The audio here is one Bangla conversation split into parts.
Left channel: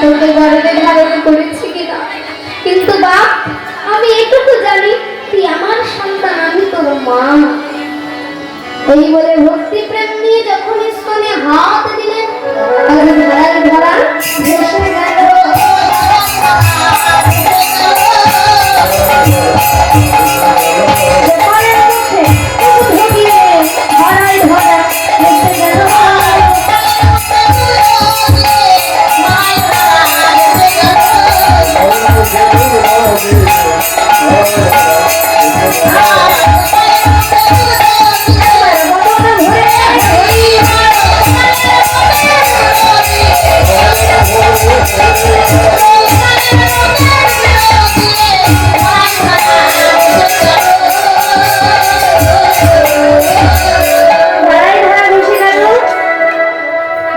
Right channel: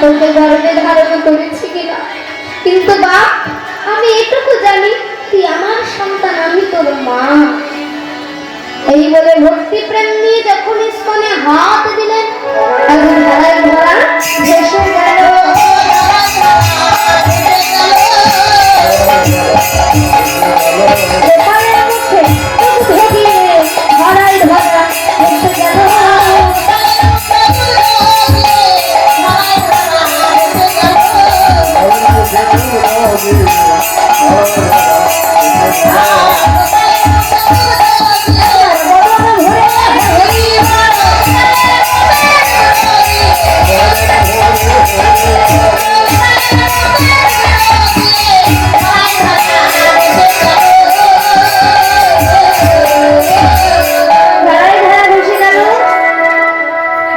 তোকে গর্বে ধারণ করেছি কিনা? কিন্তু বাপ আমি এটুকু জানি, তুই আমার সন্তান, আমি তোর মা। এই বলে ভক্তি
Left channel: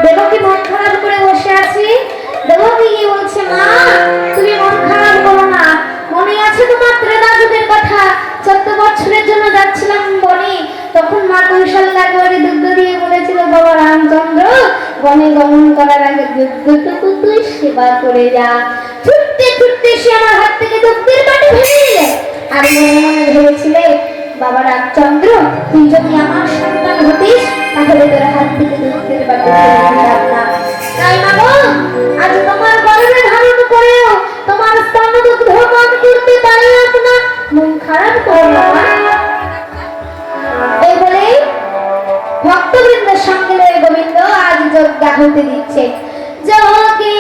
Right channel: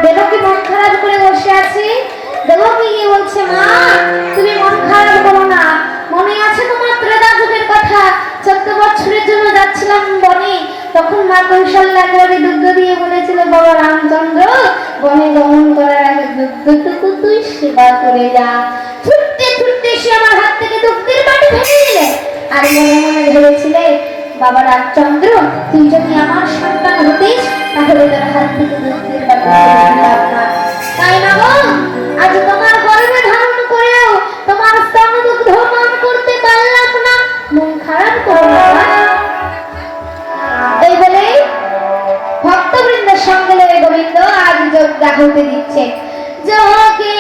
দেবকী মন খারাপ করে বসে আছি। দেবকী গিয়ে বলছে মা? তুমি মন মা কৌশল্যা একেবারে দুগ্ধ দিয়ে বলেছিল বাবা রামচন্দ্র, বনে গমন করার আগে দুগ্ধটুকু তুই সেবা করে যা। ছুটতে ছুটতে সে আমার হাত থেকে দুগ্ধের বাটি ভেঙে দিলে। আর মনে মনে ভেবেছিলে, বাবা রামচন্দ্র, তুই যদি আমার সন্তান হতিস, তাহলে তোর হাত থেকে দুধের বাটি দেখাতে দিচ্ছে। যাকে